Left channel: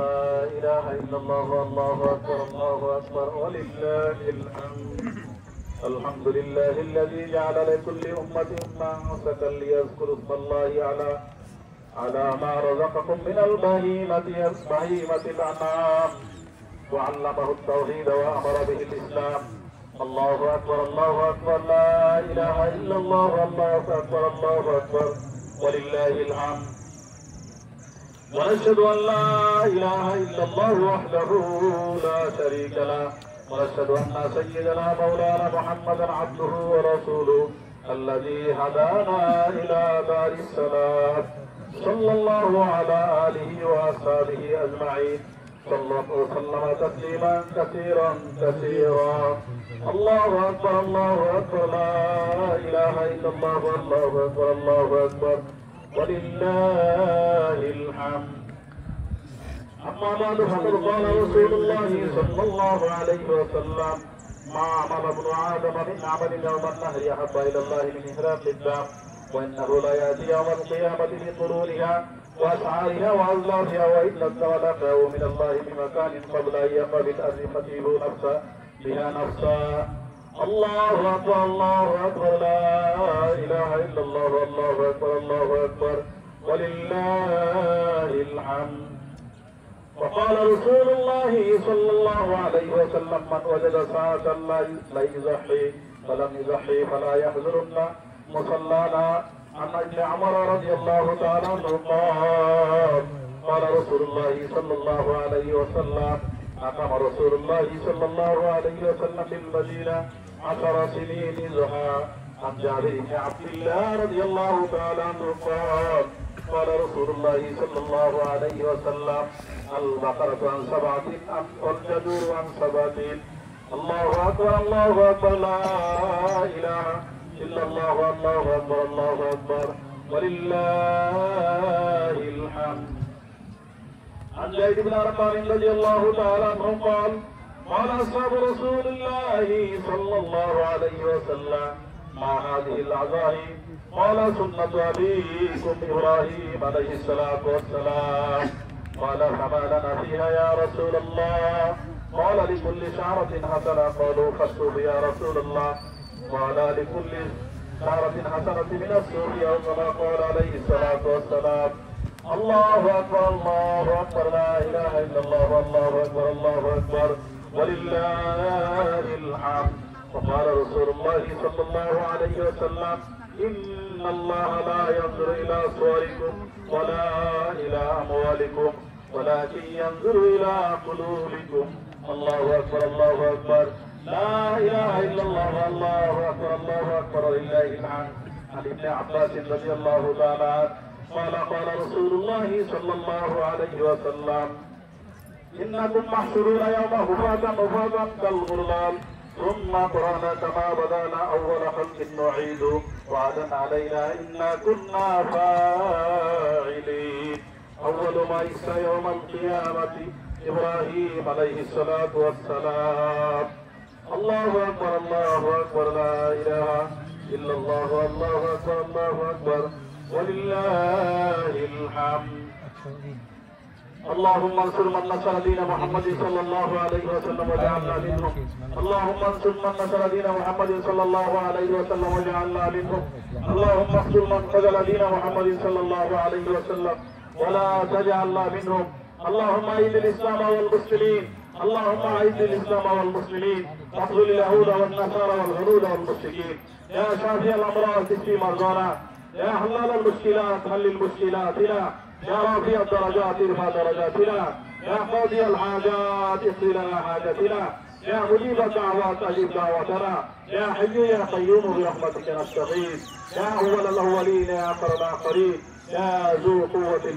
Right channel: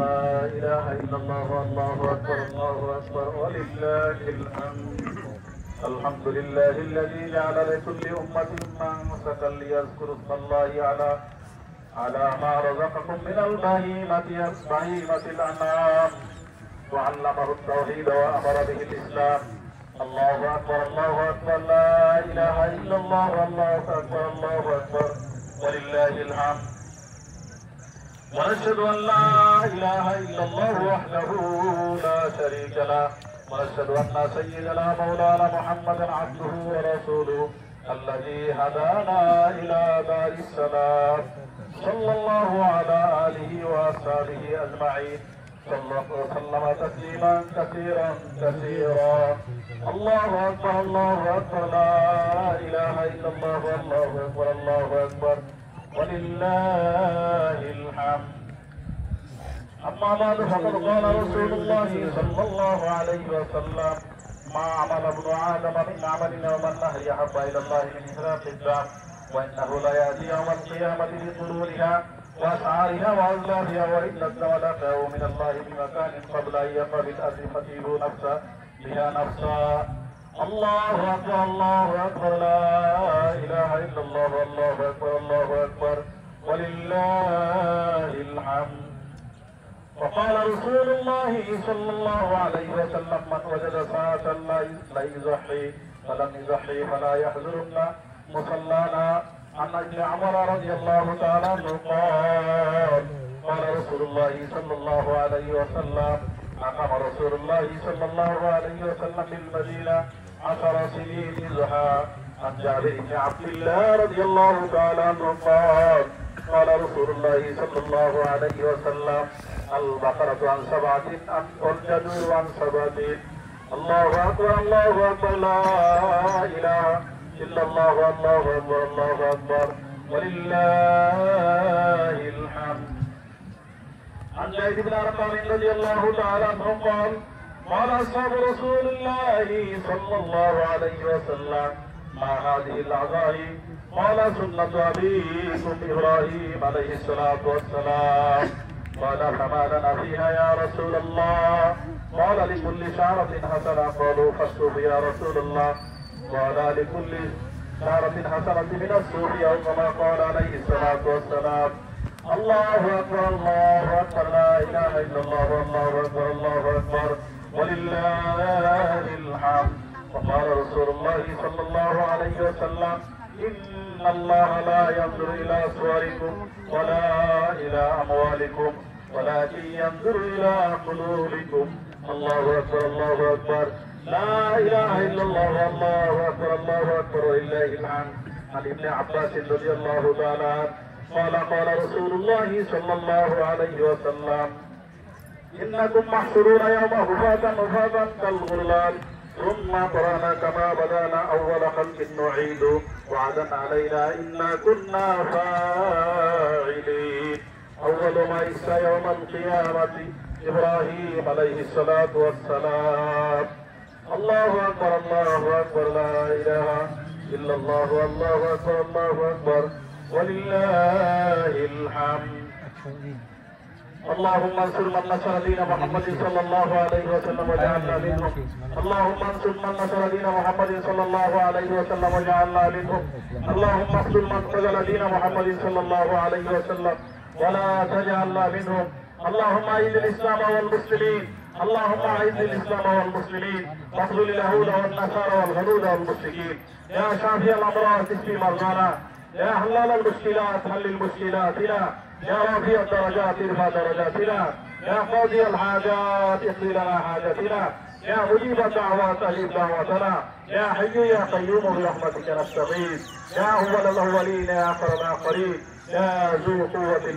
لا إله إلا الله والله أكبر الله أكبر ولله الحمد. الحمد لله الذي جعل لكل أمة منسكا ليذكروا اسم الله على ما رزقكم من البهيمة الأنعام وعلمه التوحيد وأمر به الإسلام. الله أكبر الله أكبر لا إله إلا الله والله أكبر الله أكبر ولله الحمد. ونشهد أن لا إله إلا الله وحده لا شريك له ونشهد أن سيدنا مولانا محمدا عبده ورسوله الذي هدانا إلى دار السلام. صلى الله على آله وأصحابه أجمعين وسلم تسليما كثيرا كثيرا. الله أكبر الله أكبر لا إله إلا الله والله أكبر الله أكبر ولله الحمد. أما بعد فقد قال رسول الله صلى الله عليه وسلم ما عمل ابن آدم من عمل يوم النهر أحب إلى الله من إحراق الدم وإنه ليأتي يوم القيامة بطرورها وأسعارها وأزلافها وإن الدم لقاه من الله بمكان قبل أن يقبل أزمته نفسا بها نفسا. الله أكبر الله أكبر لا إله إلا الله والله أكبر الله أكبر ولله الحمد. وقال رسول الله صلى الله عليه وسلم من وجد ساعة لا يزحي فلم يزحي فلا يحزرن مصلانا. عن ابن عمر رضي الله تعالى عنه قال رسول الله صلى الله عليه وسلم أقام رسول الله صلى الله عليه وسلم بالمدينة 10 سنين زحى. عن جابر بن عبد الله رضي الله تعالى عنه قال رسول الله صلى الله عليه وسلم البقرة عن 7 والجدور عن 7. الله أكبر الله أكبر لا إله إلا الله والله أكبر الله أكبر ولله الحمد. عن زيد بن أرقم رضي الله تعالى عنه قال أصحاب رسول الله صلى الله عليه وسلم ما هذه العزائم؟ قال سنة أبيكم إبراهيم عليه الصلاة والسلام. قال فما لنا فيها يا رسول الله؟ قال لكل شعرة حسنة. قالوا فالصوف يا رسول الله. قال لكل شعرة حسنة من الصوف أو كما قال عليه الصلاة والسلام. الله أكبر الله أكبر لا إله إلا الله والله أكبر الله أكبر ولله الحمد. وقال رسول الله صلى الله عليه وسلم إن الله لا ينظر إلى صوركم ولا إلى أموالكم ولكن ينظر إلى قلوبكم. الله أكبر الله أكبر لا إله إلا الله والله أكبر الله أكبر ولله الحمد. عن ابن عباس رضي الله تعالى قال رسول الله صلى الله عليه وسلم إنكم محشورون يوم حفاة كالغرلان ثم قرأنا كما بدانا أول خلق نعيد وعدا علينا إنا كنا فاعلين. أول ما يسى يوم القيامة إبراهيم عليه الصلاة والسلام. الله أكبر الله أكبر لا إله إلا الله والله أكبر الله أكبر ولله الحمد. اللهم انصر من نصر دين محمد صلى الله عليه وسلم وجعلنا منهم. اللهم انصر من نصر دين محمد صلى الله عليه وسلم وجعلنا منهم. اللهم اخذل من خذل دين محمد صلى الله عليه وسلم ولا تجعلنا منهم. اللهم اعز الاسلام والمسلمين. اللهم اعز الاسلام والمسلمين واخذل اليهود والنصارى والغلول والمشركين. يا شافي الامراض اشفي مرضانا. يا حلال المشكلات حل مشكلاتنا. يا رافع الدرجات ارفع درجاتنا. يا قاضي الحاجات اقضي لنا حاجتنا. يا مجيب الدعوات اجب دعوتنا. يا حي يا قيوم برحمتك نستغيث. يا اول الاولين يا اخر الاخرين يا ذو قوة